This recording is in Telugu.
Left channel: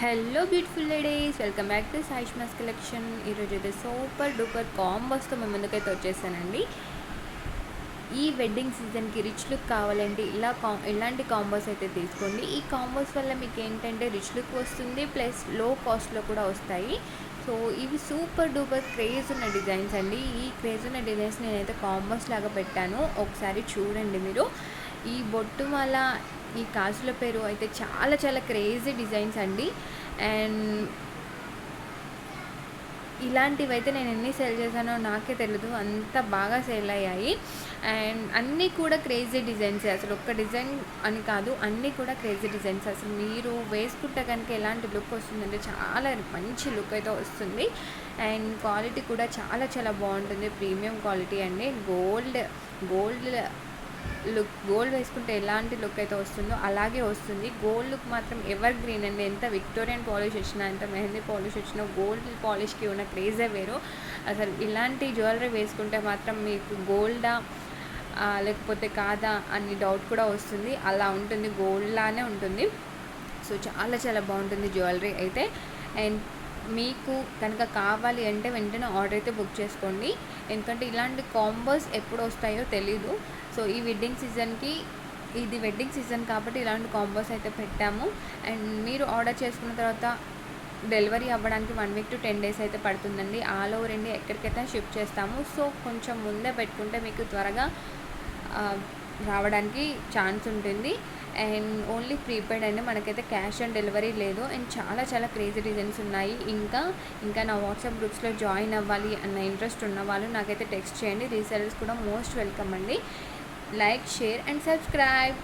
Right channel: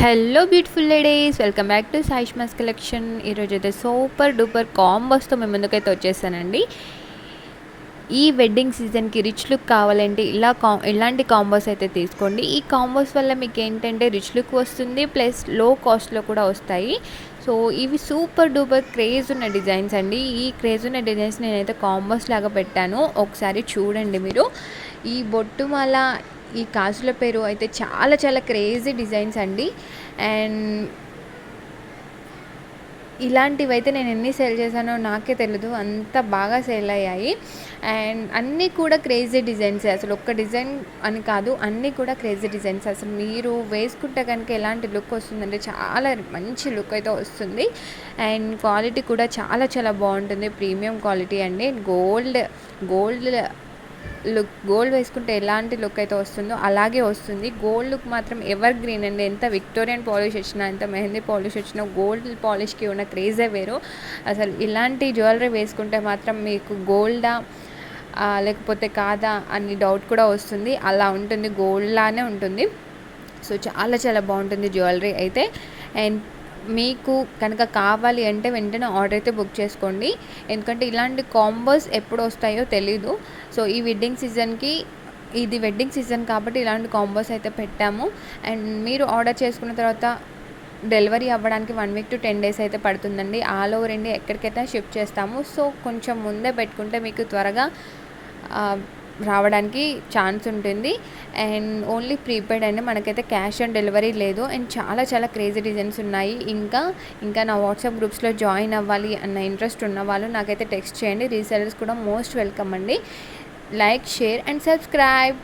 Hello beautiful ladies, welcome back to Saishma's collection. ఈరోజు అయితే సూపర్ డూపర్ కాంబోస్తో మేము ముందుకైతే వచ్చేసానండి. ఈ వెడ్డింగ్ సీజన్కి రిచ్ లుక్ కావాలంటే ఇలాంటి కాంబోస్ అయితే తీసుకోండి. ఈ కాంబోస్ వల్ల మీకు ఏంటంటే రిచ్ లుక్ వస్తుంది, ప్లస్ లో కాస్ట్లో కూడా వస్తాయి. సో ఇవి సూపర్ డూపర్ క్రేజ్ ఉన్న డిజైన్స్ అండి. ఈ క్రేజ్ ఉన్న డిజైన్స్ నేనైతే కాంబోస్ లాగా పెట్టాను, ఒకసారి చూడండి మీరు. ఈ బొట్టుమాల, ఈ కాజుల పేరు అయితే చాలా చాలా క్రేజీ డిజైన్స్ అండి. అండ్ ఇలాంటివైతే నేను ఎన్ని సేల్ చేశానో నాకే తెలియదు, అంత బాగా సేల్ అయ్యాయి. అండ్ అన్నీ కూడా క్రేజీ డిజైన్స్, అసలు ఒక్క డిజైన్ అని కాదు, అన్నీ కూడా క్రేజీ డిజైన్స్. అసలు మీరు వేసుకుంటే కనుక ఎలాంటి లుక్ వస్తుందంటే చాలా మంచి లుక్ అయితే వస్తుంది. అండ్ క్వాలిటీ కూడా చాలా చాలా బాగుంటుంది, ప్రీమియం క్వాలిటీ అండి. గోల్డ్ గోల్డ్ వేసుకుంటే ఎలాంటి లుక్ అయితే వస్తుందో అలాగే వస్తుంది. గోల్డ్ లుక్ మాత్రం ఎవర్ గ్రీన్ అండి. ఎంత విక్టోరియన్ పాలిష్ వచ్చినా, ఎంత మెహందీ పాలిష్ వచ్చినా, గోల్డ్ పాలిష్కి ఉన్న క్రేజే వేరు. అసలు ఇలాంటి జ్యువెలరీ వేసుకుంటే మాత్రం మీకు గోల్డా లేకపోతే కాదా అని డౌట్ కూడా వస్తుంది, అలా ఉంటుంది, గోల్డ్ లానే ఉంటుంది. సో చాలా చాలా బాగుంటుంది జ్యువెలరీ అయితే. అండ్ మీకు కనుక కావాలి అంటే వెంటనే ఆర్డర్ అయితే బుక్ చేసుకోండి, ఎందుకంటే ఇలాంటి కాంబోస్ ఎప్పుడు వస్తాయో తెలీదు. సో ఈ వెడ్డింగ్ సీజన్కి, ఇది వెడ్డింగ్ సీజన్ కాబట్టి ఇలాంటి కాంబోస్ అయితే పెట్టాము. అండ్ మీరు ఆర్డర్ చేసుకున్న తర్వాత డెలివరీ అవ్వడానికి 1 వీక్ to 10 days అయితే పడుతుందండి. ఆల్ ఓవర్ ఇండియా ఎక్కడికైతే షిప్ చేస్తాము. సో కొంచెం ముందే పెట్టుకుంటే మీకు త్వరగా రావడానికి ఛాన్స్ ఉంటుంది. అండ్ ఓన్లీ ప్రీపెయిడ్ అండి, మనకైతే క్యాష్ ఆన్ డెలివరీ లేదు. అండ్ చాలా చాలా క్రేజీ డిజైన్స్ ఉన్నాయి. ఇంకా నా వాట్సాప్ గ్రూప్స్లో జాయిన్ అవ్వాలి అన్న ఇంట్రెస్ట్ ఉన్న వాళ్ళు నాకైతే టెక్స్ట్ చేయండి. రీసెలర్స్ కూడా మోస్ట్ వెల్కమ్ అండి. Like, share and subscribe.